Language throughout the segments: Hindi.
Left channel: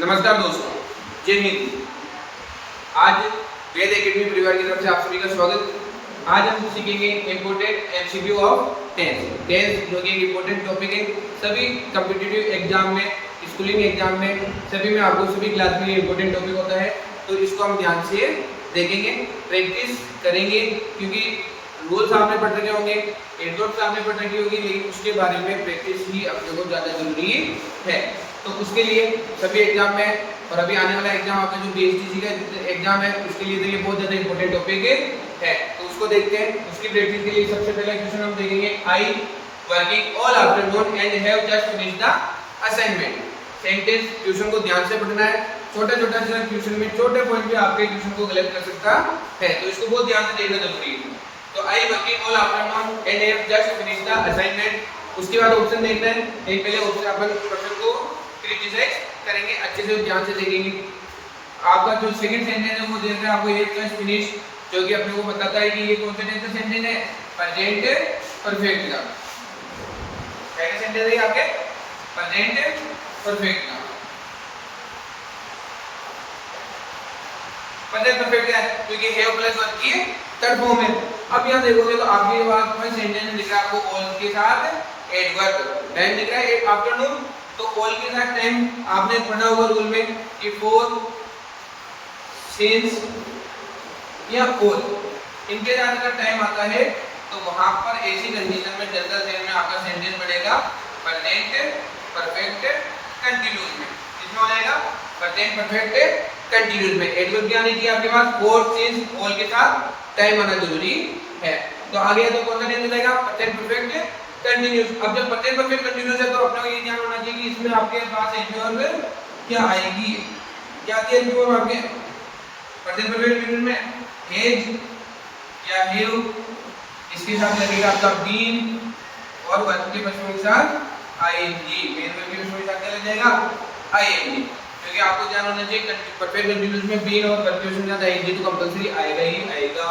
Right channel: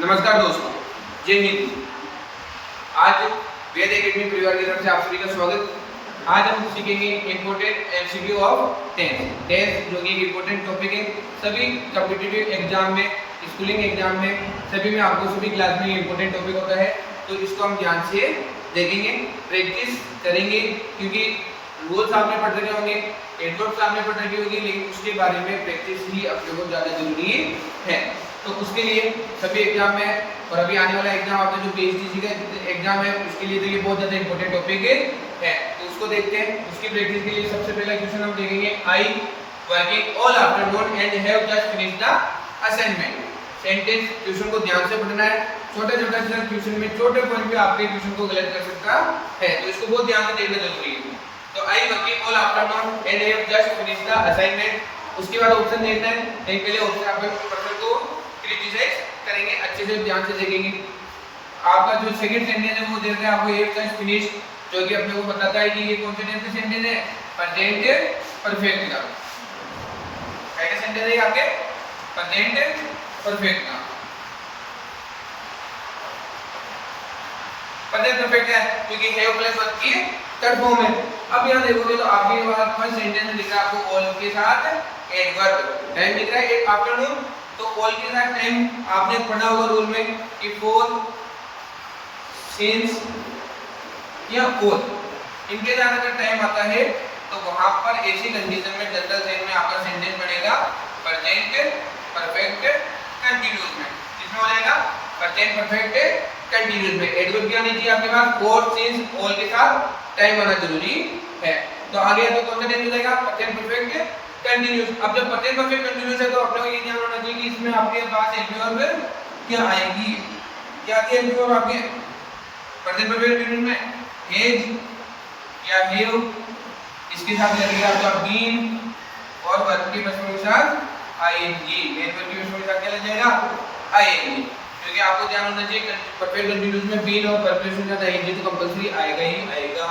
नमस्कार दोस्तों, जय हिंद। आज वेद एकेडमी परिवार की तरफ से आप सभी का स्वागत। आज हम सीखेंगे important MCQ of tense. Tense जो कि एक इम्पोर्टेंट टॉपिक है, सभी कॉम्पिटिटिव एग्जाम में, स्कूलिंग एग्जाम में, सभी में आपको सभी क्लास में ये इम्पोर्टेंट टॉपिक होता है। तो इसको हम ध्यान से देखेंगे, प्रैक्टिस करेंगे, क्योंकि रूल्स आपने पढ़ रखे होंगे, एडवर्ब्स आपने पढ़ रखी होगी, लेकिन उसके बारे में प्रैक्टिस भी अपने को ज़्यादा जरूरी है। तो उसके लिए सभी एग्जाम में और अभी आने वाला एग्जाम आपका जो पीएचडी का एग्जाम है, उसके लिए देखिए बहुत ज़्यादा इंपॉर्टेंट टॉपिक है। तो उसको देखते हैं। उसकी प्रैक्टिस के लिए सबसे पहला क्वेश्चन हम देखेंगे, I working all afternoon and have just finished the assignment. Sentence question को ध्यान से पढ़ना है। छोटा छोटा सा क्वेश्चन में छोटे पॉइंट भी आपके क्वेश्चन को गलत कर सकता है, तो इसको बहुत ध्यान से देखना जरूरी है। तो I working all afternoon and have just finished the assignment. उसके बाद ऑप्शन देखना है। एक पहले ऑप्शन अपन क्वेश्चन को क्रिटिसाइज करेंगे, अच्छे से ध्यान से देखेंगे। आपका जो सेकंड सेंटेंस है वो दे रहे हैं आपको हैव जस्ट फिनिश, जो कि अपने को बताता है कि ये कौन सा सेंटेंस है, प्रेजेंट परफेक्ट का। पहला सेंटेंस है आपके प्रेजेंट परफेक्ट का। प्रेजेंट परफेक्ट है क्योंकि हैव प्लस वर्ब की थर्ड फॉर्म है। अब यहां देखोगे तो आपके पास फर्स्ट सेंटेंस दिख रहा है आपको ऑल के साथ एडवर्ब। टाइम दिख रहा है आफ्टरनून, तो ऑल के साथ टाइम आपने पढ़ा होगा रूल में कि फॉर, सिंस या ऑल, इनके साथ अगर टाइम आता है तो वहां पर ऐसी कंडीशन में जनरल सेंस में आपका सेंटेंस बनेगा प्रेजेंट परफेक्ट कंटीन्यूअस में। किसमें हो जाएगा? प्रेजेंट परफेक्ट कंटीन्यूअस में। एडवर्ब क्या नहीं चाहिए आपके पास, फॉर, सिंस, ऑल के साथ टाइम आना जरूरी है। तो आगे तो कौन सा टेंस मिलेगा? Present perfect continuous. अब जब प्रेजेंट परफेक्ट कंटीन्यूअस है तो अपने को ये ध्यान होना चाहिए कि इसमें आपके पास एडवर्ब क्या आएगी, क्या आती है एडवर्ब आपके प्रेजेंट परफेक्ट कंटीन्यूअस में? हैज या हैव, इसके साथ लगेगा आपका बीन, और वर्ब के पश्चिम के साथ आईएनजी। मेन वर्ब के पश्चिम के साथ क्या लग जाएगा? आईएनजी। क्योंकि आपको ध्यान होना चाहिए परफेक्ट कंटीन्यूअस में बीन और वर्ब के साथ आईएनजी तो कंपल्सरी आएगा ही आएगा।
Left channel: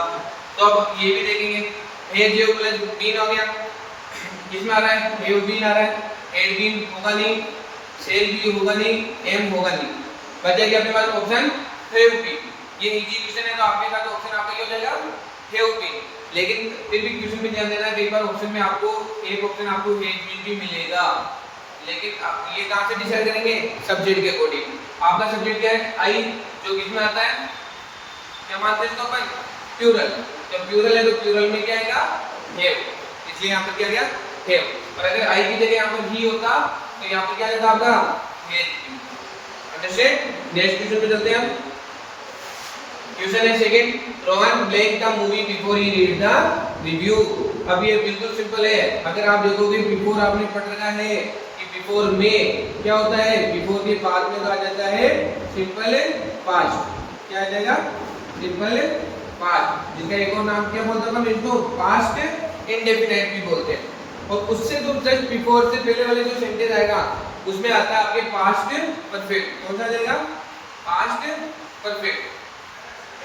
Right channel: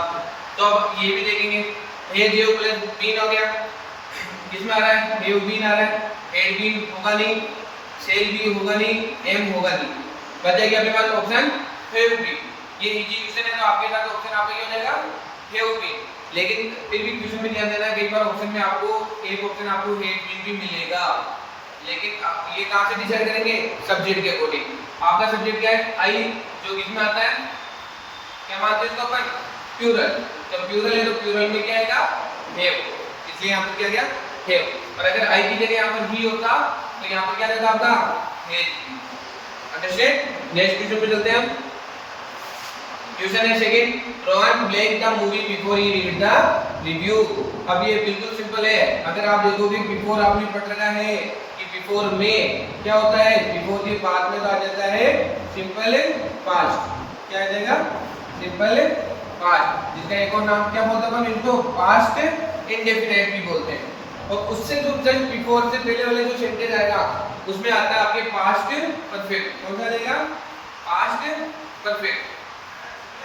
तो अब ये भी देखेंगे, हैज हैव प्लस बीन हो गया, किसमें आ रहा है? हैव बीन आ रहा है। हैड बीन होगा नहीं, सेल भी होगा नहीं, एम होगा नहीं, बचा गया अपने पास ऑप्शन हैव बीन। ये इजी क्वेश्चन है तो आपके साथ ऑप्शन आपका क्या हो जाएगा? Have been. लेकिन फिर भी क्वेश्चन में ध्यान देना, कई बार ऑप्शन में आपको एक ऑप्शन आपको हैड बीन भी मिलेगा, लेकिन आप ये कहां से डिसाइड करेंगे? सब्जेक्ट के अकॉर्डिंग। आपका सब्जेक्ट क्या है? आई, जो किसमें आता है, क्या मानते हैं इसको अपन? प्लूरल। जब प्लूरल है तो प्लूरल में क्या आएगा? हैव, इसलिए यहां पर क्या आ गया? हैव। और अगर आई की जगह यहां पर ही होता तो यहां पर क्या रहता आपका? हैज। अंडरस्टैंड? नेक्स्ट क्वेश्चन पे चलते हैं हम। क्वेश्चन है second, Rohan blank the movie before he read the review. अब ये बिल्कुल सिंपल है। अगर आप देखोगे बिफोर आपने पढ़ रखा है कि बिफोर में क्या होता है, बिफोर के बाद में आ जाता है सिंपल पास्ट। क्या आ जाएगा? सिंपल पास्ट, जिसका एक और नाम क्या बोलते हैं? इसको पास्ट इंडेफिनिट भी बोलते हैं। और उससे जो जस्ट बिफोर से पहले वाले जो सेंटेंस आएगा उसमें आता है आपके पास्ट परफेक्ट। कौन सा आ जाएगा? Past perfect.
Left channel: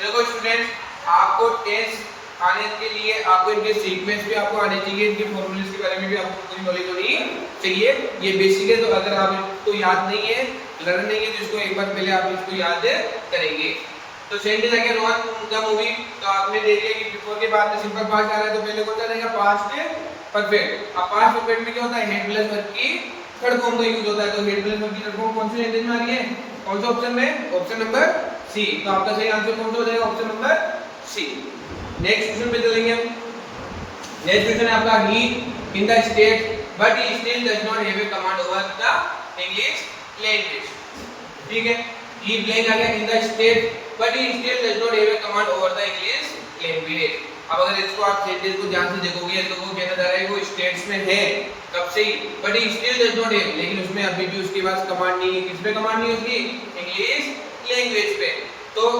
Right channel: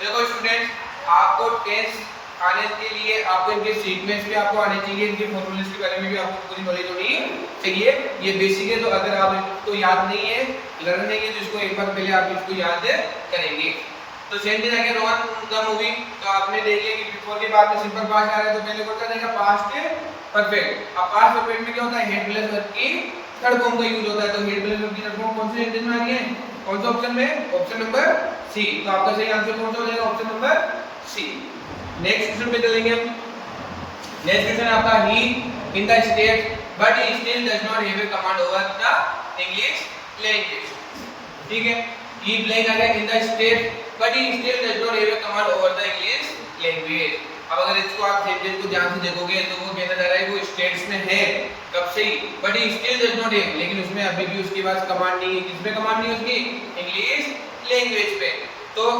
देखो स्टूडेंट्स, आपको टेंस आने के लिए आपको इनके सीक्वेंस भी आपको आने चाहिए, इनके फॉर्मूलेस के बारे में भी आपको पूरी नॉलेज होनी चाहिए। ये बेसिक है, तो अगर आप इसको याद नहीं है, लर्न नहीं है, तो इसको एक बार पहले आप इसको याद करेंगे। तो सेंटेंस आगे रोहन द मूवी, तो आपने देख लिया कि बिफोर के बाद में सिंपल पास्ट आ गया, तो पहले कौन सा रहेगा? Past perfect. अब पास्ट परफेक्ट में क्या होता है? हेड प्लस वर्ब की थर्ड फॉर्म का यूज होता है। तो हेड प्लस वर्ब की थर्ड फॉर्म कौन से सेंटेंस में आ रही है? कौन सा ऑप्शन में? Option number C. तो आपका सही आंसर कौन सा हो जाएगा? Option number C. Next question पे चलेंगे हम। नेक्स्ट क्वेश्चन है आपका, he in the state but he still does not have a command over the English language. ठीक है, ही ब्लैंक आ गया in the state but he still does not have a command over the English language. अब अगर इसको आप सेंटेंस को ध्यान से देखोगे तो वो कहना जा रहा है वो स्टेट्स में है कब से ही, but he still does not have, लेकिन उसमें अभी भी उसके पास कमांड नहीं है। किस पे कमांड नहीं है उसकी? इंग्लिश लैंग्वेज पे। तो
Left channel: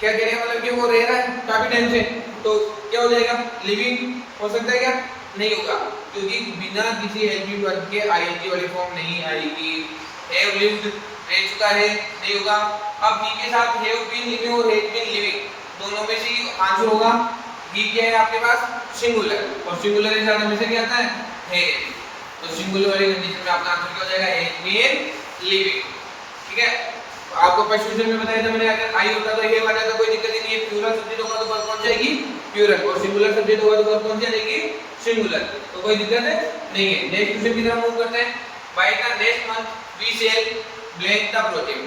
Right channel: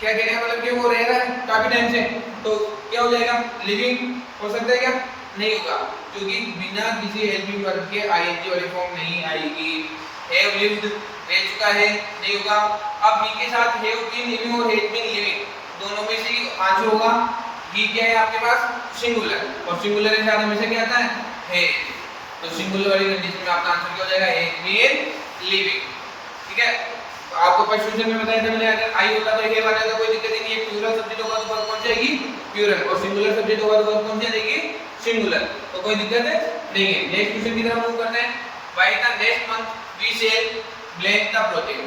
क्या कह रहे हैं, मतलब कि वो रह रहा है काफी टाइम से, तो क्या हो जाएगा? लिविंग हो सकता है क्या? नहीं होगा, क्योंकि बिना किसी हेल्पिंग वर्ब के आईएनजी वाली फॉर्म नहीं आएगी। हैव लिव्ड रह चुका है, नहीं होगा। अब ही के साथ हैव बीन लिविंग और हैड बीन लिविंग दोनों में से आंसर होगा। ही क्या है आपके पास? सिंगुलर, और सिंगुलर के साथ हमेशा क्या आता है? हैड। तो सिंगुलर वाली कंडीशन में आपका आंसर क्या हो जाएगा? Had been living. ठीक है, आपको फर्स्ट क्वेश्चन में बताया था मैंने, अगर आई होगा तो हे वाला तो कोई दिक्कत ही नहीं है, प्लूरल सब्जेक्ट होगा तो वर्ब कौन सी आएगी, प्लूरल, और सिंगुलर सब्जेक्ट होगा तो वर्ब कौन सी आएगी, सिंगुलर, तो कोई दिक्कत है नहीं है। नेक्स्ट क्वेश्चन की तरफ मूव करते हैं। By the next month we sell blank the project,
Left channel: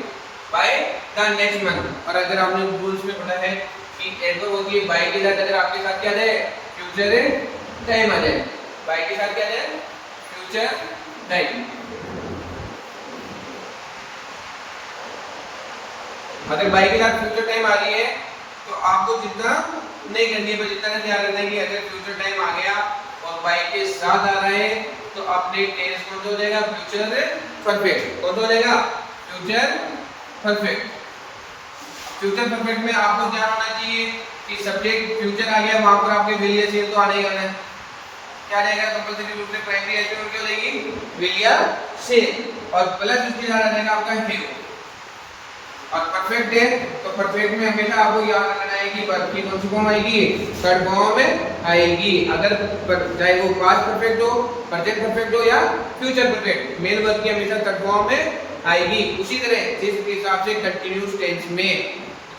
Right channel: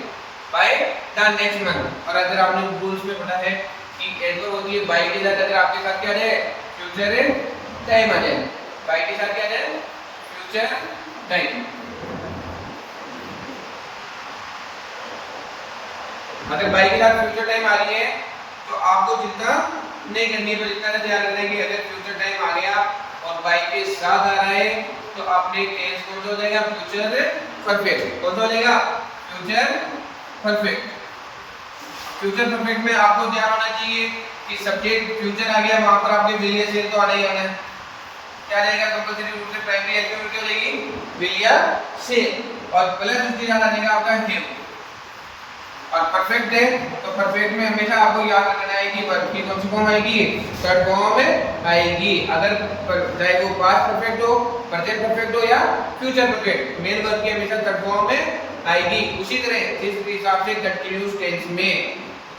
by the next month, और अगर आपने रूल्स में पढ़ा है कि एडवर्ब होती है बाय के साथ, अगर आपके साथ क्या है फ्यूचर टाइम आ जाए, बाय के साथ क्या है फ्यूचर टाइम। अगर बाई के साथ फ्यूचर टाइम आ रही है तो आपको जितना नहीं करनी है, जितना ध्यान रखना है कि अगर फ्यूचर टाइम आ गया और बाई के साथ आ रहा है तो अपने टेंस कौन सा हो जाएगा, फ्यूचर परफेक्ट। कौन सा हो जाएगा, फ्यूचर परफेक्ट। फ्यूचर परफेक्ट में आपको ध्यान होना चाहिए कि सब्जेक्ट फ्यूचर आ गया, वहां पर आपके विल या सेल तो आना ही आना है। क्या रहेगा, कंपलसरी रूप से प्राइमरी एक्शन क्या हो जाएगी, विल या सेल, और प्लस इसके साथ आ जाएगा आपका हैव। और परफेक्ट है तो परफेक्ट में हमेशा आपको याद रखना है कि वर्ब की कौन सी फॉर्म आएगी, थर्ड फॉर्म में आएगी। अगर चाहे वो पास्ट परफेक्ट हो, प्रेजेंट परफेक्ट हो या फ्यूचर परफेक्ट, मेन वर्ब की हमेशा थर्ड फॉर्म में आएगी। उसी तरह जिस हिसाब से कंटीन्यूअस टेंस में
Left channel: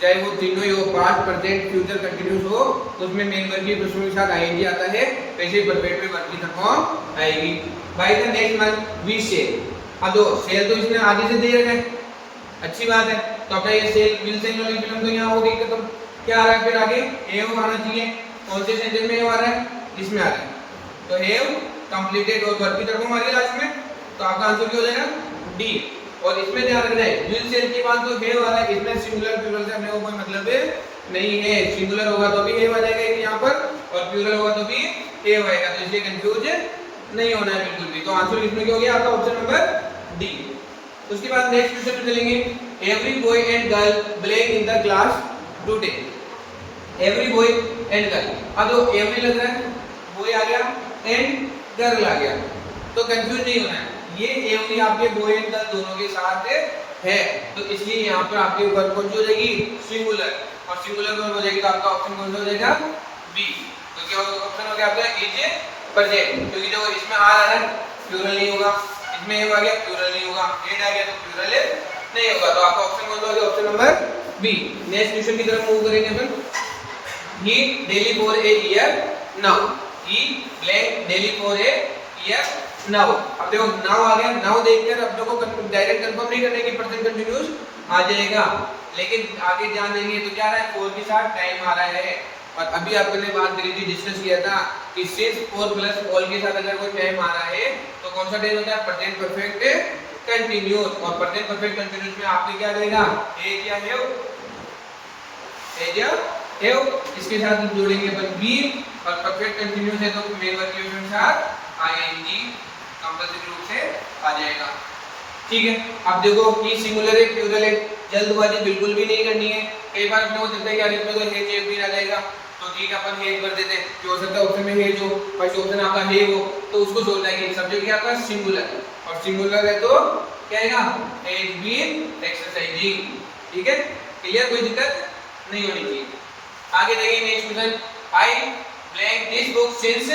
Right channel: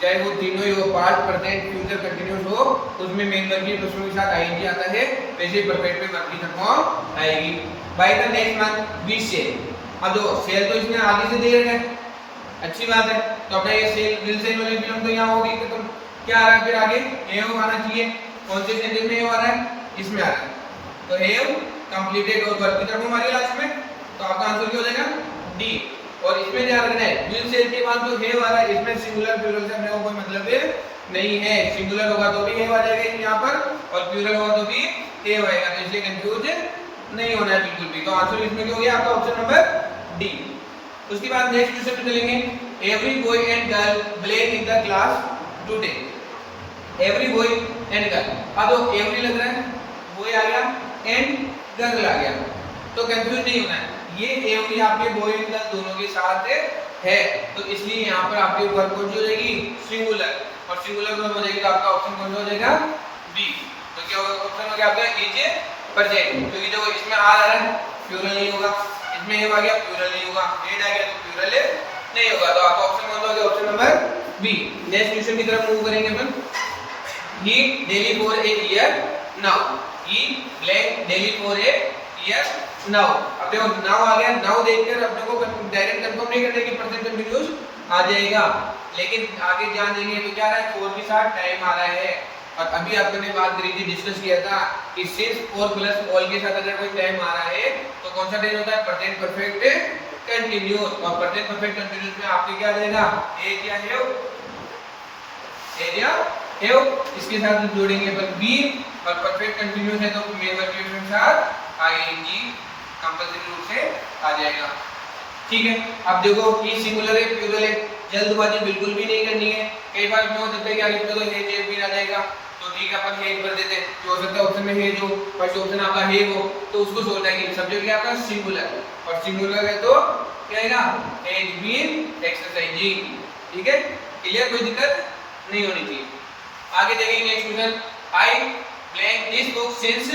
चाहे वो तीनों ही हो, पास्ट प्रेजेंट फ्यूचर कंटीन्यूअस हो, उसमें मेन वर्ब की प्रश्न के साथ आईएनजी आता है, वैसे परफेक्ट में वर्ब की थर्ड फॉर्म आएगी। By the next month we sell, अब दो सेल तो इसने आगे से दे रखा है, अच्छी बात है, तो अब ये सेल विल सेल वाली फिल्म तो यहाँ हो गई, तो क्या आ रहा है फिर आगे, हैव आना चाहिए। कौन से सेंटेंस में हैव आ रहा है, इसमें आ रहा है, तो हैव कंप्लीटेड और वर्ब की तरफ हमारे लास्ट में, तो आपका आंसर क्या हो जाएगा, डी। और इसमें ध्यान रखना है विल सेल के बाद तो हैव आ रहा है, इसमें सिंगुलर प्लूरल से अपने को कोई मतलब नहीं है। सिंगुलर होगा तो भी हैव आ जाएगा यहाँ पर, और प्लूरल होगा तो भी हैव आएगा, तो इसलिए कंफ्यूज नहीं होना है बिल्कुल भी। तो आंसर इसमें क्या हो गया आपका, ऑप्शन नंबर डी। उसके बाद नेक्स्ट क्वेश्चन पे चलेंगे। Every boy and girl blame in the class today, every boy and girl, अब तो एवरी लग रहा है, बॉय आ गया एंड गर्ल आ गया, तो कंफ्यूज नहीं होना है, ये एवरी आपके बॉय एंड गर्ल दोनों के साथ है, तो इसलिए यहाँ पर आपके वर्ब कौन सी हो जाएगी, सिंगुलर, और सिंगुलर वर्ब हो जाएगी आपका ऑप्शन कौन सा हो जाएगा, बी। तो क्या ऑप्शन हो गया आपका, इज प्रेजेंट, क्योंकि देखो इसमें आ रहा है प्लूरल नहीं होगा, इसमें आ गया प्लूरल नहीं होगा, एड आ गया तो प्लूरल नहीं होगा, तो आपका ऑप्शन कौन सा हो गया, option number B. Next question की तरफ मूव करेंगे अपन। He daily for a year now, he blank daily for a year now, अब देखो नाउ आ गया, नाउ देखकर अपने को डायरेक्ट कंफर्म नहीं करना कि प्रेजेंट कंटीन्यूअस आ जाएगा, लेकिन आगे ध्यान देंगे तो क्या आ रहा है, फोर के साथ टाइम आ रहा है, और अभी आपने बात करी थी, डिस्कस किया था कि सिंस और प्लस ऑल के साथ अगर कोई टाइम आ रहा है तो कौन सा टेंस होता है, प्रेजेंट परफेक्ट कंटीन्यूअस, और प्रेजेंट परफेक्ट कंटीन्यूअस में आपके क्या जाएगा, हैज या हैव, हैज या हैव, इसके साथ जोड़ेंगे अपन बी, और परफेक्ट कंटीन्यूअस है तो मेन वर्ब के साथ आईएनजी कंपलसरी रूप से आ जाएगा। ठीक है, अब देखो कि सिंगुलर है प्लूरल है, जल्दबाजी बिल्कुल भी नहीं करनी है। कई बार अपने को दिखता है कि यार इसमें तो हेज भी आ जाएगा, तो ठीक है अपन हेज कर देते हैं, हो सकता है ऑप्शन में हेज हो, फर्स्ट ऑप्शन आपका हे हो, तो उसको सोचना है कि सब्जेक्ट क्या आपका सिंगुलर, और सिंगुलर है तो क्या आएगा, हेज बीन एक्सरसाइजिंग। ठीक है, क्लियर, कोई दिक्कत नहीं होनी चाहिए। आगे देखेंगे next question. I blank this book since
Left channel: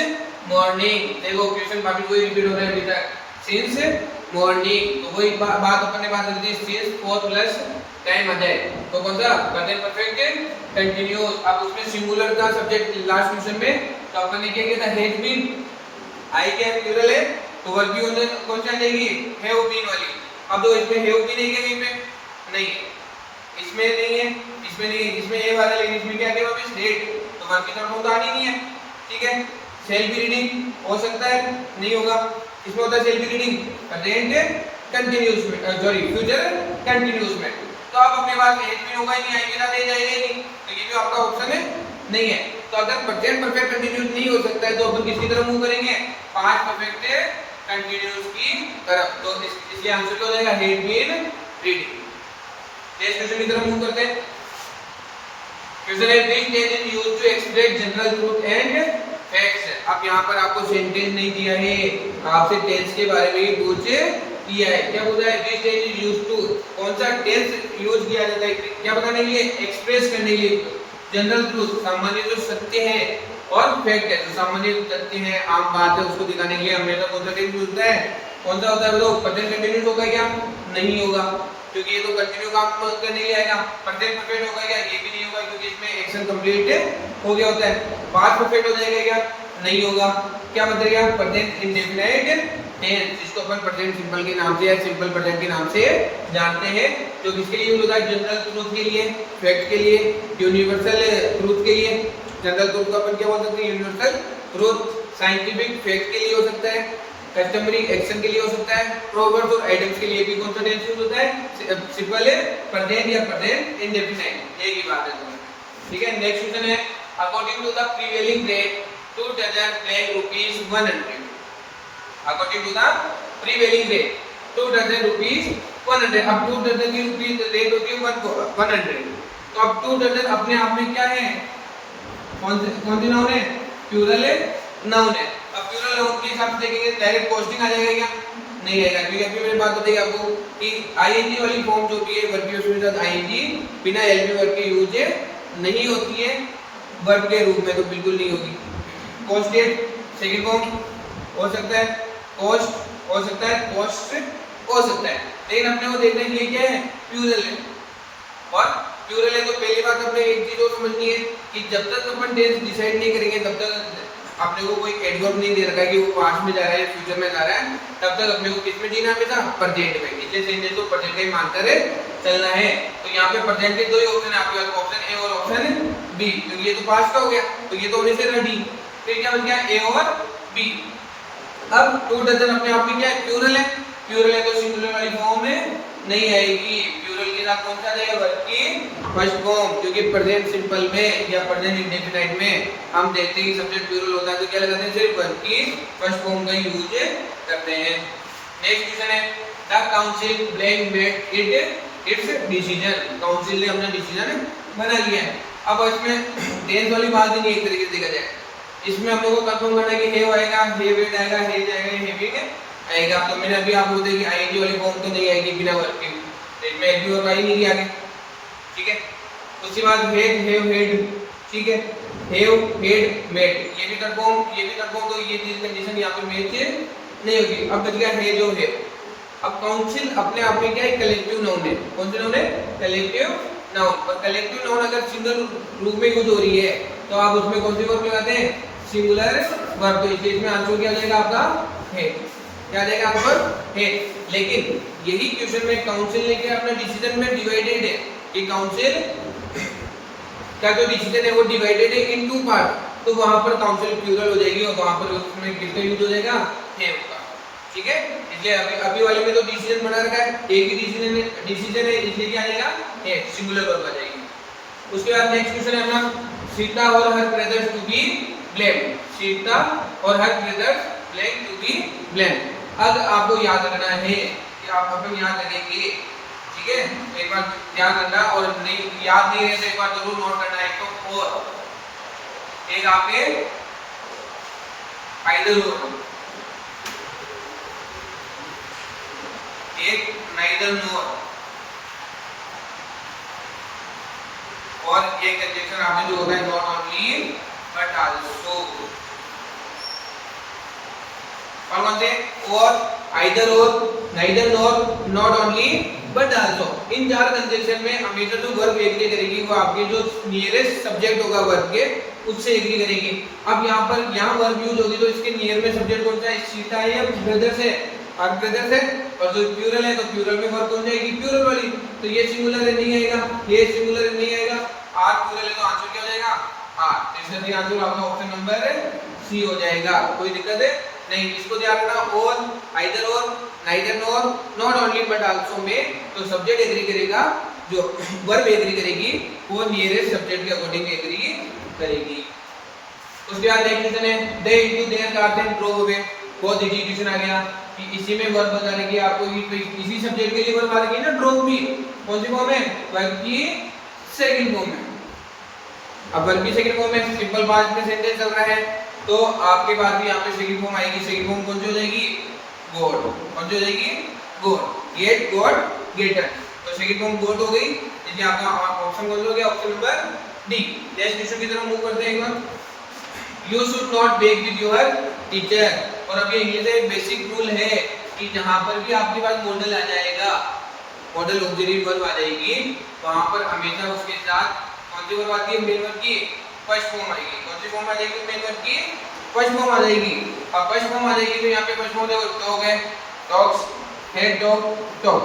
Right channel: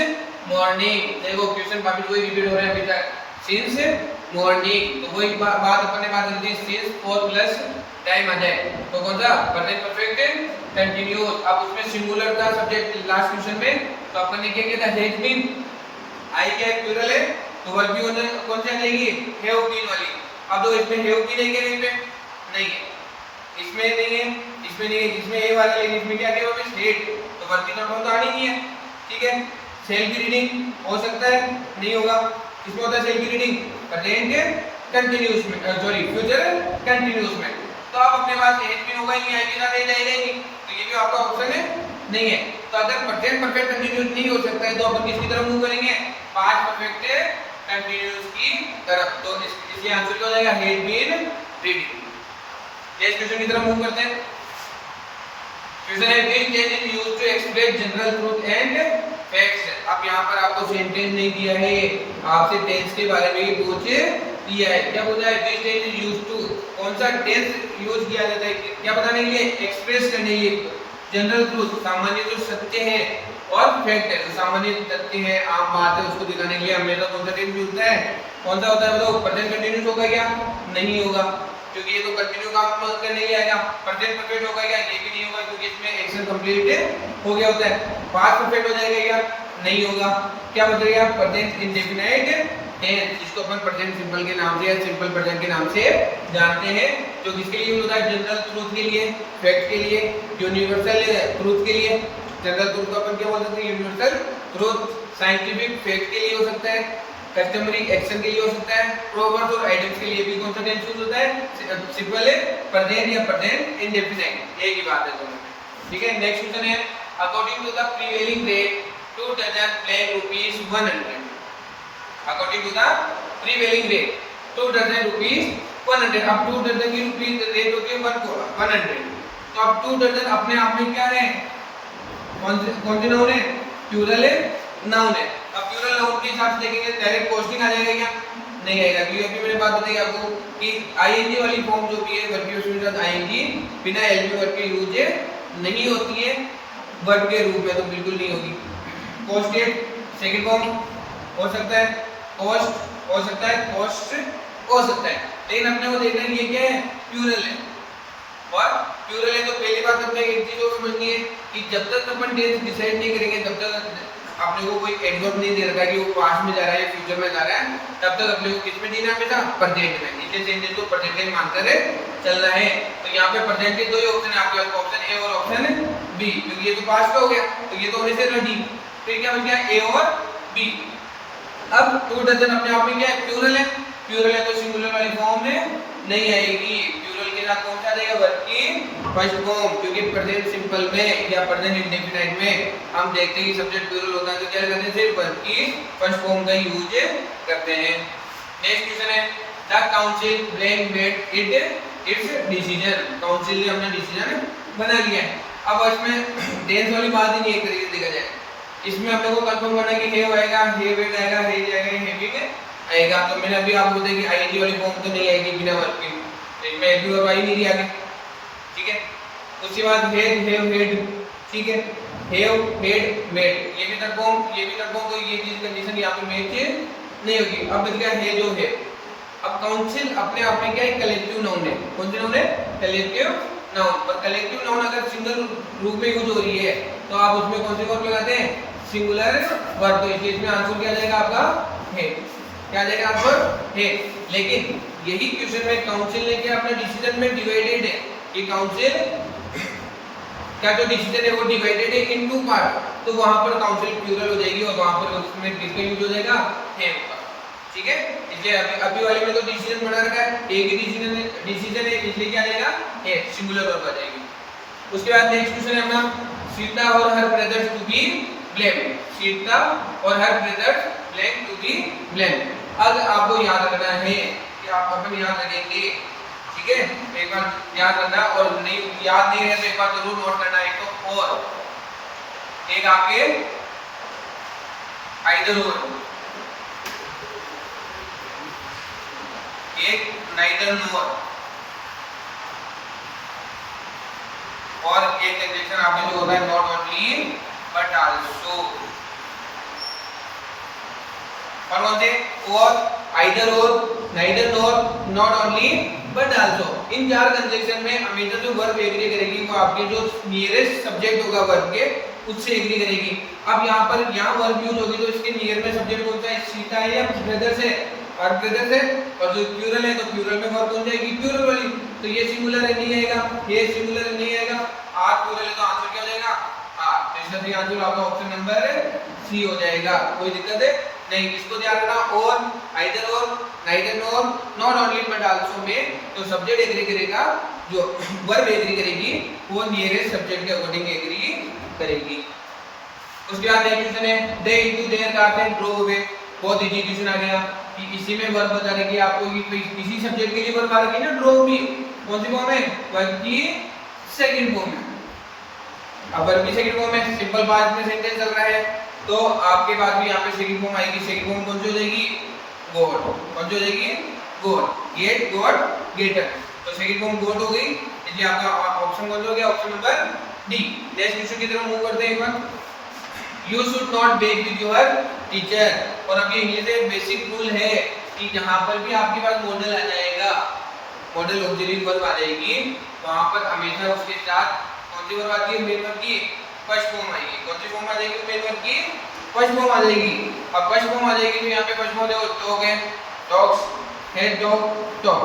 morning, देखो क्वेश्चन काफी कोई रिपीट हो रहा है अभी तक, सिंस मॉर्निंग, तो वही बात अपन ने बात करी थी, सिंस और प्लस टाइम आ जाए तो कौन सा, प्रेजेंट परफेक्ट कंटीन्यूअस। अब उसमें सिंगुलर का सब्जेक्ट लास्ट क्वेश्चन में तो अपन ने क्या किया था, हैज बीन, आई क्या है प्लूरल है, तो वर्ब भी होने कौन सा लेंगे, हैव बीन वाली। अब तो इसमें हैव भी नहीं है, इसमें नहीं है, इसमें नहीं है, इसमें नहीं है, इसमें ए वाला, लेकिन इसमें क्या है, वो स्टेट, तो वर्ब की तरफ तो आनी नहीं है। ठीक है, सेल्फ रीडिंग हो सकता है, नहीं होगा, इसमें होता है सेल्फ रीडिंग प्रेजेंट कंटीन्यूअस में, सॉरी फ्यूचर कंटीन्यूअस में, तो अब अपने पास हैज बीन होगा ही नहीं, आएगा ना, नहीं जाएगा नहीं, तो ये भी आपका ऑप्शन है नहीं है। तो अगर प्रेजेंट परफेक्ट कंटीन्यूअस नहीं हो सकता है तो अपन किसकी तरफ मूव करेंगे, पास्ट परफेक्ट कंटीन्यूअस की तरफ, तो इसके आंसर क्या हो जाएगा, had been reading. Next question की तरफ मूव करते हैं। क्वेश्चन है this tense is used to express general truth and facts. अब यहाँ पर आपको सेंटेंस नहीं दिया है, आपसे टेंस के बारे में ही पूछ दिया है। क्या बोला है, this tense is used to, कौन सा टेंस यूज किया जाता है, क्या बताने के लिए, एक्सप्रेस करने के लिए जनरल ट्रूथ, सामान्य जो सत्य है, और फैक्ट है जो सामान्य तथ्य है, आम बात है, उसको दिखाने के लिए हमेशा कौन सा टेंस यूज होता है, कौन सा होता है, बताओ, प्रेजेंट कंटीन्यूअस होगा क्या, नहीं होगा, क्योंकि ये तो कंटिन्यू काम करने ही आएगा। प्रेजेंट परफेक्ट होगा क्या? ये भी नहीं होगा क्योंकि इसमें एक्शन कंप्लीट हो गया होता है। पास्ट परफेक्ट हो जाएगा या नहीं होगा? क्या बचेगा? प्रेजेंट इंडेफिनिट टेंस, जिसको अपन प्रेजेंट सिंपल के नाम से या सिंपल प्रेजेंट के नाम से जानते हैं, जो किसके लिए यूज होता है? जनरल ट्रूथ के लिए, फैक्ट के लिए, यूनिवर्सल ट्रूथ के लिए। जनरल ट्रूथ को अपन क्या बोल सकते हैं? Universal truth. साइंटिफिक फैक्ट के लिए हो सकता है, कस्टमरी एक्शन के लिए हो सकता है, प्रोवर्ब्स और आइडियम्स के लिए भी कौन सा टेंस यूज होता है? सिंपल प्रेजेंट या प्रेजेंट इंडेफिनिट, एक ही बात है दोनों। ठीक है, नेक्स्ट क्वेश्चन है according to the prevailing rate 2 dozen plain rupees 100। According to the prevailing rate 2 dozen rupees 100। अब 2 डजन की रुपीस रेट होती है 100। तो अब 2 डजन अपने आप में क्या है? कौन सी नाउन है? प्लूरल है, नाउन है। अब प्लूरल नाउन के हिसाब से देखेंगे डायरेक्ट पोस्टिंग आ जाएगा क्या? नहीं आएगा, क्योंकि अभी मैंने बात बताई आपको कि आईएनजी वाली फॉर्म जो भी है वर्ब के साथ आईएनजी बिना एलपी वर्ब के यूज नहीं होती है वर्ब के रूप में, तो बिल्कुल नहीं होगी। पोस्टेड सेकंड फॉर्म हो सकता है, पोस्ट हो सकता है, पोस्ट हो सकता है, लेकिन अपने को देखना है ये क्या है? प्लूरल है। और प्लूरल है तो पहली बात अपने एक चीज और समझनी है कि जब तक अपन टेंस डिसाइड नहीं करेंगे तब तक अपने को कोई एडवर्ब नहीं दे रखा है कि वो पास्ट में जा रहा है या फ्यूचर में जा रहा है, तब तक अपने को किस में जीना है बेटा? प्रेजेंट में। इसे सेंटेंस को प्रेजेंट का ही मानकर चलना है। तो यहाँ पे प्रेजेंट के दो ही ऑप्शन है आपके पास, ऑप्शन ए और ऑप्शन बी, क्योंकि ये तो पास्ट का हो गया तो ये तो होने से रेडी। फिर क्या बच गया? ए और बी। अब 2 डजन अपने आप में क्या है? प्लूरल है। प्लूरल है तो सिंगुलर वाली फॉर्म में नहीं आएगी। प्लूरल के साथ कौन सा आ जाएगा? वर्ब की फर्स्ट फॉर्म, क्योंकि प्रेजेंट सिंपल में या प्रेजेंट इंडेफिनिट में हम देखते हैं कि सब्जेक्ट प्लूरल होता है तो क्या करते हैं? सिर्फ वर्ब की फर्स्ट फॉर्म का यूज करते हैं। नेक्स्ट क्वेश्चन है the council brain made it's decision. Council ने अपना डिसीजन बना लिया है। अब इसमें टेंस वाली बात ही नहीं एक तरीके से देखा जाए, इसमें अपने को कंफर्म करना है कि हैव आएगा, हैवेड आएगा, हैज आएगा, हैविंग आएगा। तो मैंने अभी आपको बताया कि आईएनजी वाली फॉर्म तो नहीं आएगी बिना वर्ब के, तो इसमें एलपी वर्ब आई नहीं रही आगे। ठीक है, उसके बाद हैड, हैव, हेड। ठीक है, हैव, हेड, मेड, ये भी तक फॉर्म, ये भी तक फॉर्म, तो ये चीज कंडीशन यहां पे मैच नहीं होगी। अब बच गया है जो है। अब काउंसिल अपने आप में क्या है? कलेक्टिव नाउन है। कौन सा नाउन है? Collective noun. और कलेक्टिव नाउन अगर सिंगल रूप में यूज हो रही है तो आप उसमें कौन से वर्ब लगाते हैं? Singular verb. तो इसलिए इसमें आंसर क्या जाएगा आपका? है। क्या जाएगा आंसर? है। लेकिन यही क्वेश्चन में काउंसिल ने क्या अपना डिसीजन में डिवाइडेड है कि काउंसिल का जो डिसीजन है वो डिवाइडेड है इन 2 पार्ट, तो वहां पर काउंसिल प्लूरल हो जाएगी और वहां पर उसमें किसका यूज हो जाएगा? है का। ठीक है, इसलिए अभी वाले में तो डिसीजन बना रखा है, एक ही डिसीजन है, इसलिए क्या आ जाएगा? है, सिंगुलर वर्ब आ जाएगी। उसके बाद नेक्स्ट क्वेश्चन है अपना सीता और her brothers to be blamed. Sita और her brothers blame to be blamed. अब आपको याद रखना है कि आप अपन याद रखेंगे। ठीक है, एक बार ध्यान रखना, और नहीं याद नहीं है तो एक बार जरूर नोट करना। एक तो और एक आपके आइदर और, एक नाइदर नोर, और एक कंडीशन आपने जो होता है नॉट ओनली बट आल्सो। और कौन से? और, आइदर और, neither nor, not only but also. In 4 condition में हमेशा जो वर्ब एग्री करेगी वो आपके जो नियरेस्ट सब्जेक्ट होगा वर्ब के उससे एग्री करेगी। अब यहाँ पर यहाँ वर्ब यूज होगी तो इसके नियर में सब्जेक्ट कौन सा है? सीता है या ब्रदर्स है? आर ब्रदर्स है। और जो प्लूरल है तो प्लूरल में वर्ब कौन जाएगी? प्लूरल वाली। तो ये सिंगुलर है, नहीं आएगा, ये सिंगुलर नहीं आएगा, आर प्लूरल है तो आंसर क्या हो जाएगा? आर। तो इसका सही आंसर आपका ऑप्शन नंबर सी हो जाएगा। कोई दिक्कत है नहीं, इसको ध्यान रखना। और, आइदर और, neither nor, not only but also में तो सब्जेक्ट एग्री करेगा, जो वर्ब एग्री करेगी वो नियरेस्ट सब्जेक्ट के अकॉर्डिंग एग्री करेगी। उसके बाद नेक्स्ट क्वेश्चन है they into their cars and drove away. बहुत इजी क्वेश्चन आ गया कि इसी में वर्ब बताने की आपको इसी सब्जेक्ट के लिए वर्ब आ रही है ना, ड्रोव भी। कौन सी फॉर्म है? वर्ब की सेकंड फॉर्म में। अब वर्ब की सेकंड फॉर्म में सिंपल पास्ट में सेंटेंस चल रहा है तो आपके पास भी यहाँ पे सेकंड फॉर्म आएगी। सेकंड फॉर्म कौन सी हो जाएगी? गॉड। कौन सी हो जाएगी? गॉड। गेट, गॉड, गेटर। तो सेकंड फॉर्म गॉड हो गई, इसलिए आपका ऑप्शन कौन सा हो गया? Option number D. Next question की तरफ मूव करते हैं एक बार। You should not beg with your teacher. और अब ये इंग्लिश में एक बेसिक रूल है कि जहां पर भी आपके पास मॉडल आ जाएगा मॉडल ऑक्सिलरी वर्ब आ जाएगी, वहां पर हमेशा उसके साथ कौन सी वर्ब आती है, मेन वर्ब की फर्स्ट फॉर्म आएगी। कौन सी फॉर्म आ जाएगी, मेन वर्ब की फर्स्ट फॉर्म आ जाएगी। अब फर्स्ट फॉर्म आ जाएगी तो यहाँ पे फर्स्ट फॉर्म देखो तो हो गए talks, head dog talk.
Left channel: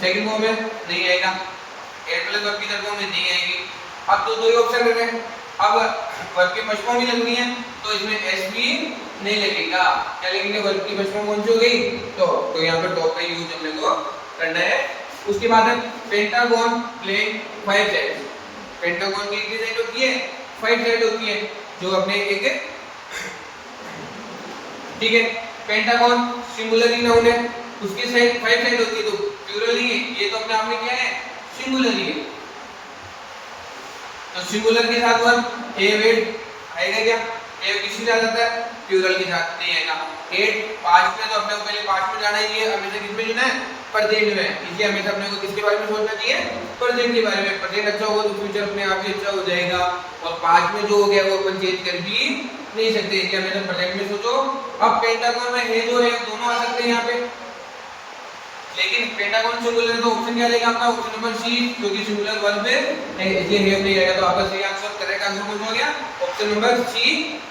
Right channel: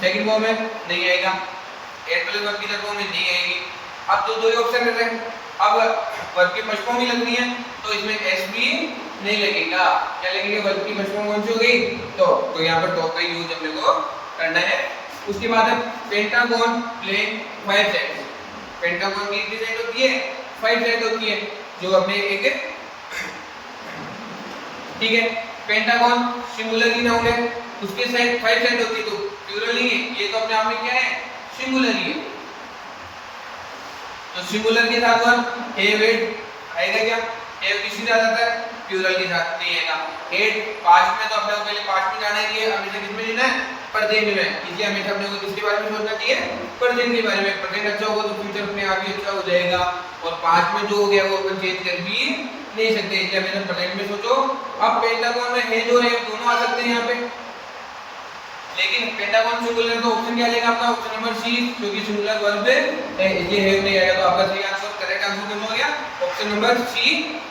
Second form है नहीं आएगा, एड प्लस वर्ब की तरफ फॉर्म नहीं आएगी। अब तो दो ही ऑप्शन रह गए। अब वर्ब की फर्स्ट फॉर्म भी लगनी है तो इसमें एस भी नहीं लगेगा, क्या लगेंगे, वर्ब की फर्स्ट फॉर्म कौन सी हो गई, तो यहाँ पर टॉक का यूज अपने को करना है। उसके बाद है पेंटागन प्लेइंग 5 साइड्स। पेंटागन की कितनी साइड होती है, 5 साइड होती है, जो अपने एक, ठीक है, पेंटागन सिंगुलर ही नाउन है, उसकी साइड 5 साइड होती है, तो प्लूरल नहीं है, ये तो अपने आप में क्या है, सिंगुलर ही है। तो सिंगुलर के साथ वर्ब हैव आएगा क्या, हैव किसके साथ आता है, प्लूरल के साथ नहीं आएगा। हेड पास्ट में तो अपने को पहले पास्ट में जाना ही है, हमेशा किसमें लेना है, प्रेजेंट में, इसलिए हमेशा अपने को किसके बारे में सोचना चाहिए, प्रेजेंट के बारे में। प्रेजेंट अच्छा होगा तो फ्यूचर अपने आप ही अच्छा हो जाएगा, और पास्ट में जो हो गया वो अपन चेंज कर भी नहीं सकते, इसलिए हमेशा प्रेजेंट में सोचो। अब पेंटागन में हैज और हैव दोनों आ सकते हैं यहाँ पे, लेकिन पेंटागन सिंगुलर तो ऑप्शन क्या देगा आपका, ऑप्शन नंबर सी, क्योंकि सिंगुलर वर्ब है इसलिए हैव नहीं आएगा, तो आपका सही आंसर, करेक्ट आंसर कौन सा हो गया, ऑप्शन नंबर सी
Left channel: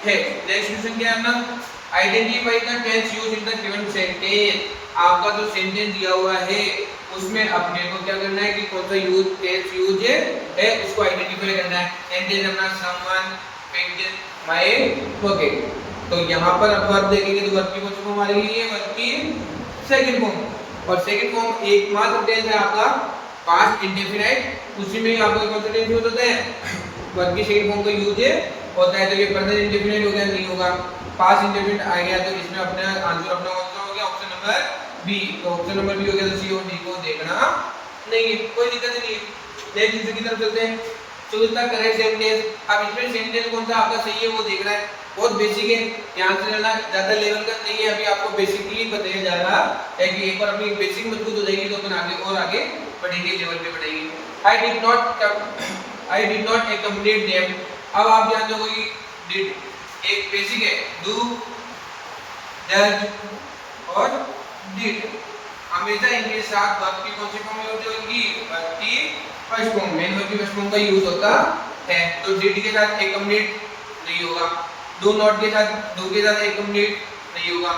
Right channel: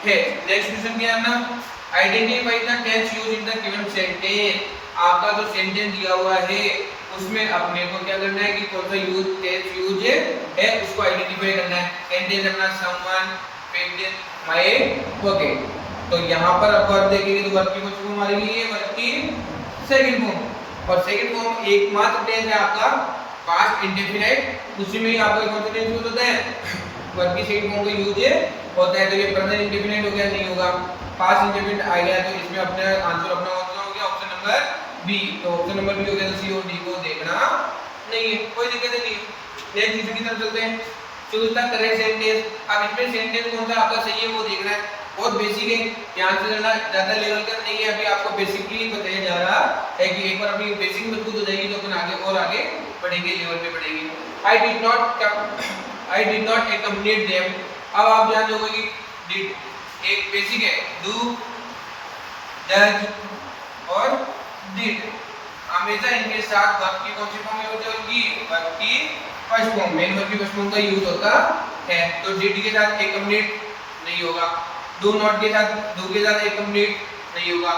है। नेक्स्ट क्वेश्चन क्या है ना, identify the tense used in the given sentence. आपका जो सेंटेंस दिया हुआ है उसमें अपने को क्या करना है कि कौन सा यूज टेंस यूज है उसको आइडेंटिफाई करना है। सेंटेंस अपना समवन पिक्ड माय पॉकेट, तो यहां पर अब वर्ब देखेंगे तो वर्ब की कौन सी फॉर्म आ रही है, वर्ब की सेकंड फॉर्म, और सेकंड फॉर्म एकमात्र टेंस है आपका पास्ट इंडेफिनिट, उसी में ही आपका कौन सा टेंस यूज होता है, वर्ब की सेकंड फॉर्म का यूज होता है। तो ये प्रेजेंट इंडेफिनिट हो गया, नहीं होगा, पास्ट इंडेफिनिट आ गया, तो इसमें अपना आंसर अपना कौन सा हो गया, ऑप्शन नंबर बी। तो ऑप्शन नंबर बी हो गया, तो सी और डी को देखना नहीं है, कोई दिक्कत नहीं है। नेक्स्ट दूसरी की तरफ चलते हैं, चूज द करेक्ट सेंटेंस। अब इसमें सेंटेंस कौन सा आपका सही है वो देखना है, बहुत बेसिक है, ध्यान से चलना, ज्यादा लेवल का नहीं है, अभी आपको बेसिकली बताया जा रहा है कि एक बार अपनी बेसिक मजबूत हो जाएगी तो फिर आगे और आगे बढ़ेंगे, लेवल पे बढ़ेगी। I did not accommodate them. अब आप जान दोगे कि डिड एक बेसिक है, डू डज और डिड, हमेशा इनके साथ वर्ब की कौन सी फॉर्म यूज होगी, वर्ब की फर्स्ट फॉर्म, मेन वर्ब की फर्स्ट फॉर्म का यूज होता है। तो डिड के साथ अकोमोडेट नहीं होगा, डू नॉट के साथ अकोमोडेट नहीं होगा,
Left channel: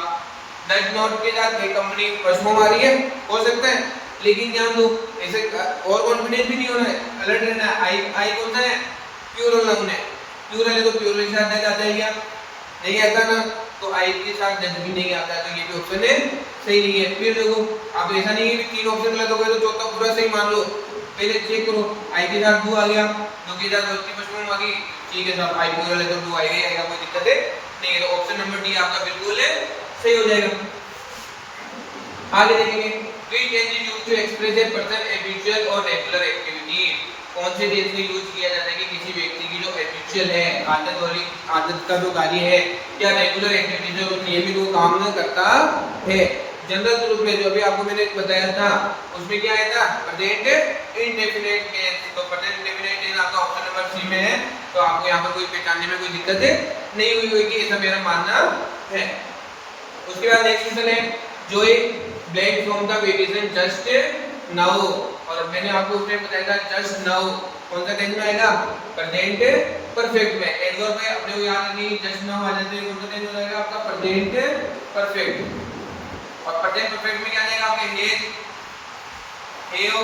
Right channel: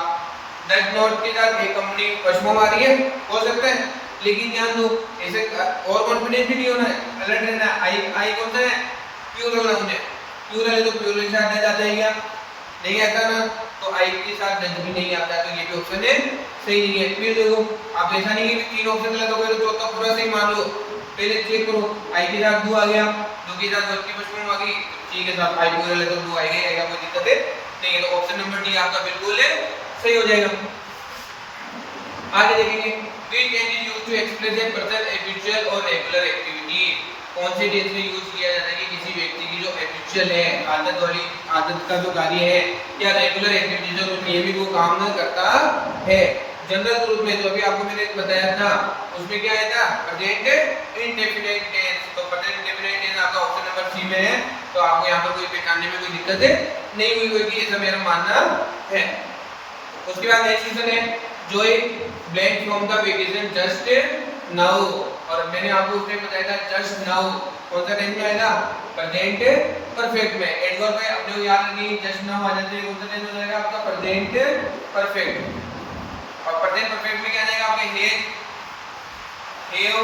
डज नॉट के साथ अकोमोडेट फर्स्ट फॉर्म आ रही है, हो सकता है, लेकिन ध्यान दो ऐसे और कॉन्फिडेंट भी नहीं होना है, अलर्ट रहना है। आई कौन सा है, प्लूरल नाउन है, प्लूरल है तो प्लूरल के साथ डज आता है या नहीं आता ना, तो आई के साथ डज भी नहीं आता, तो ये भी ऑप्शन है सही नहीं है। फिर देखो अब ऐसा नहीं है कि तीन ऑप्शन गलत हो गए तो चौथा पूरा सही मान लो, पहले चेक करो, आई के साथ डू आ गया, डू के साथ वर्ब की फर्स्ट फॉर्म आ गई, ठीक है साहब, आई प्लूरल है तो डू आएगा, कोई दिक्कत नहीं है, तो ऑप्शन नंबर डी आपका बिल्कुल सही हो जाएगा। आगे देखेंगे, which tense is used to express a person habitual और regular activity। कौन से टेंस का यूज किया जाता है कि किसी व्यक्ति की जो हैबिचुअल है, आदत वाली, आदत का जो कार्य है या रेगुलर एक्टिविटी जो नियमित वो काम न करता है। जनरल रूप में जो अभी आपको मैंने बताया था उसमें क्या आया था, प्रेजेंट इंडेफिनिट टेंस। तो प्रेजेंट इंडेफिनिट टेंस आपका ऑप्शन नंबर सी में है, तो आपको यहाँ पर कोई पहचानने में कोई दिक्कत नहीं हुई होगी, ऐसा मेरा मानना है। उसके बाद नेक्स्ट क्वेश्चन है, Joy blank from the vacation just now, और मैंने आपको उसमें बताया था जस्ट नाउ कौन सा टेंस में आएगा, प्रेजेंट परफेक्ट में। एडवर्ब में अपने को याद रखिए जस्ट नाउ आ जाते हैं, कौन सा टेंस हो जाएगा आपका, प्रेजेंट परफेक्ट। और प्रेजेंट परफेक्ट में क्या जाएगा आपके हैज, हैव,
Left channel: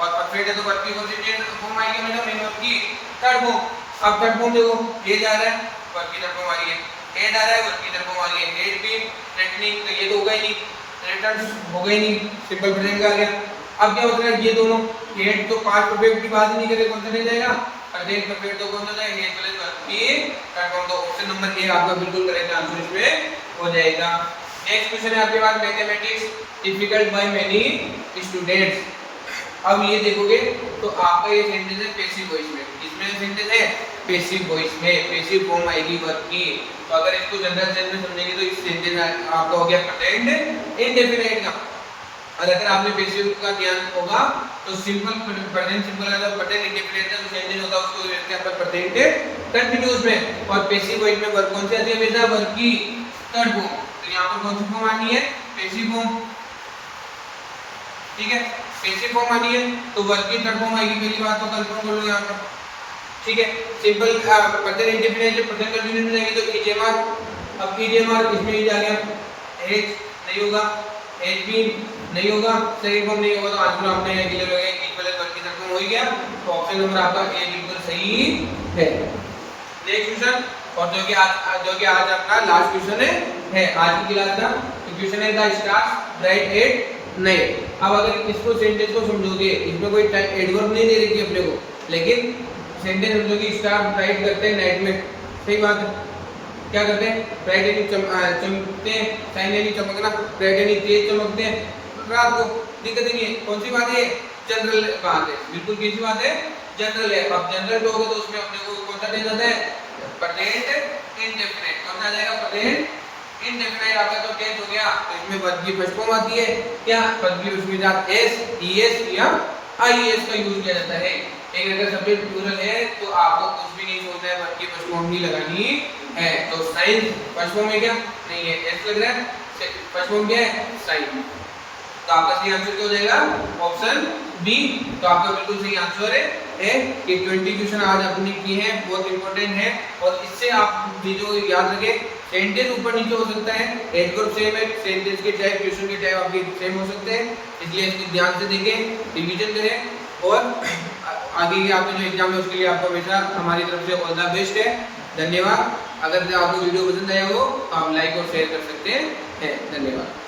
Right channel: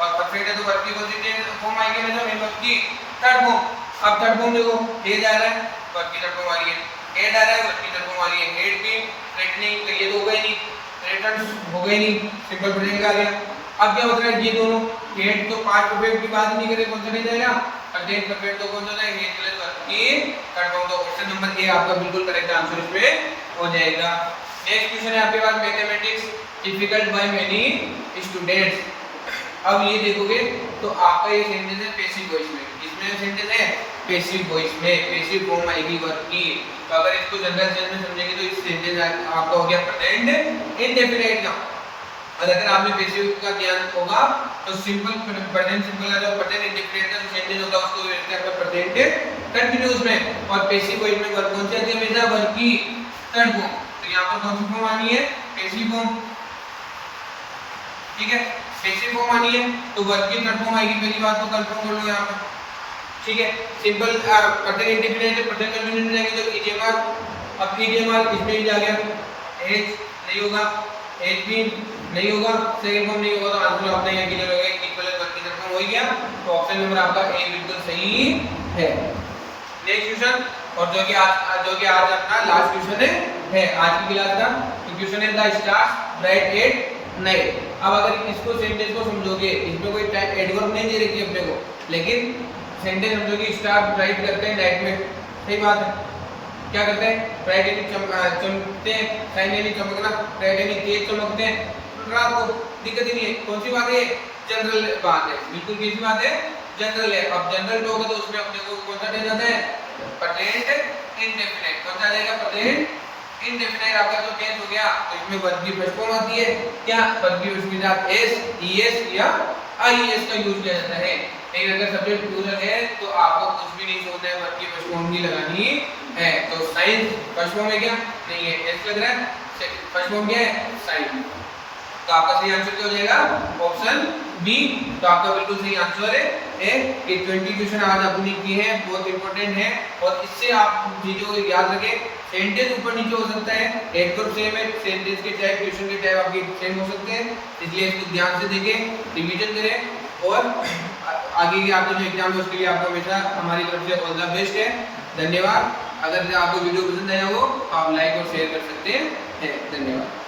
और परफेक्ट है तो वर्ब की कौन सी टेंस फॉर्म आएगी, हमेशा मेन वर्ब की थर्ड फॉर्म। अब थर्ड फॉर्म देखो, हैज आ रहा है, वर्ब की थर्ड फॉर्म आ रही है, हेड आ रहा है, वर्ब की थर्ड फॉर्म आ रही है, हेड भी थ्रेटनिंग, तो ये तो होगा ही नहीं, रिटर्न हो गई नहीं, सिंपल प्रेजेंट का आ गया। अब क्या होता है, ये दोनों हेड तो पास्ट परफेक्ट की बात ही नहीं करे, कौन सा नहीं जाएगा, प्रेजेंट परफेक्ट तो कौन सा जाएगा, हेड प्लस वर्ब की थर्ड फॉर्म, तो ऑप्शन नंबर ए आपका बिल्कुल करेक्ट आंसर उसमें हो जाएगा। नेक्स्ट क्वेश्चन है आपके पास, mathematics difficult by many students. अब ये देखोगे तो आपका ये सेंटेंस है पैसिव वॉइस में, इसमें सेंटेंस है पैसिव वॉइस में, पैसिव फॉर्म आएगी वर्ब की। तो अगर इसको जनरल सेंस में समझेंगे तो इस सेंटेंस आपका हो गया प्रेजेंट इंडेफिनिट का। और अगर आपने पैसिव का ध्यान होगा तो सिंपल प्रेजेंट सिंपल है, और प्रेजेंट इंडेफिनिट का जो सेंटेंस होता है उसको लिखते हैं प्रेजेंट कंटीन्यूअस में, और पैसिव वॉइस में वर्ब कौन सी आती है, हमेशा वर्ब की थर्ड फॉर्म। तो यहां पर कौन सी फॉर्म आनी है, पैसिव फॉर्म, ठीक है। पैसिव फॉर्म आनी है तो वर्ब की थर्ड फॉर्म आएगी, पहली बात तो कंफर्म कर लो यहाँ पे, ठीक है। Simple present indefinite present continuous में जाएंगे तो ईडीएमआर, अब ईडीएमआर इसमें ही आ गया, एज नहीं होगा, एज भी नहीं होगा, सेकंड फॉर्म नहीं होगा, तो आंसर अपने यहाँ क्लियर हो गया, इक्वल वर्ब की थर्ड फॉर्म हो गया, तो ऑप्शन नंबर आपका ए बिल्कुल सही है। नेक्स्ट क्वेश्चन, और जो कि आज अपना लास्ट क्वेश्चन है आज की क्लास का, तो क्वेश्चन है the stars right at night. अब अगर इसको सेंटेंस को समझोगे, इसमें कोई एडवर्ब नहीं दे रही है अपने को, लेकिन सेंटेंस समझोगे स्टार राइट करते हैं नाइट में, सही बात है, क्या करते हैं, राइट यानी चमकते हैं, साइन यानी चमकना, राइट यानी तेज चमकते हैं रात को, दिक्कत ही नहीं है। कौन सी बात है, जनरल बात है, बिल्कुल कैसी बात है, जनरल है। अब जनरल टॉक है तो उसमें अपने को कौन सा दे जाता है, प्रेजेंट इंडेफिनिट, कौन सा आ जाएगा, प्रेजेंट इंडेफिनिट। आपका तो टेंस हो गया, तो इसमें वर्ब की फर्स्ट फॉर्म आती है, क्या वर्ब की उसमें आप एस, ईएस या आईएस का यूज किया जाता है। नहीं, अगर सब्जेक्ट प्लूरल है तो आपको कुछ भी नहीं सोचना है, वर्ब की फर्स्ट फॉर्म भी लगानी है। तो साइन फर्स्ट फॉर्म है क्या, नहीं है, एस लग रहा है, फर्स्ट फॉर्म क्या है, साइन, तो आपका सही आंसर क्या हो जाएगा, ऑप्शन बी। तो आपका बिल्कुल सही आंसर है। ये 20 क्वेश्चन आज आपने किए हैं, बहुत इंपॉर्टेंट है, और इससे आप चीजों को याद रखें। सेंटेंस ऊपर नीचे हो सकता है, एडवर्ब सेम है, सेंटेंस के टाइप क्वेश्चन के टाइप आपके सेम हो सकते हैं, इसलिए इसको ध्यान से देखें, रिवीजन करें, और आगे के आपके जो एग्जाम है उसके लिए आपको हमेशा हमारी तरफ से ऑल द बेस्ट है। धन्यवाद। अगर आपको वीडियो पसंद आया हो तो आप लाइक और शेयर कर सकते हैं। धन्यवाद।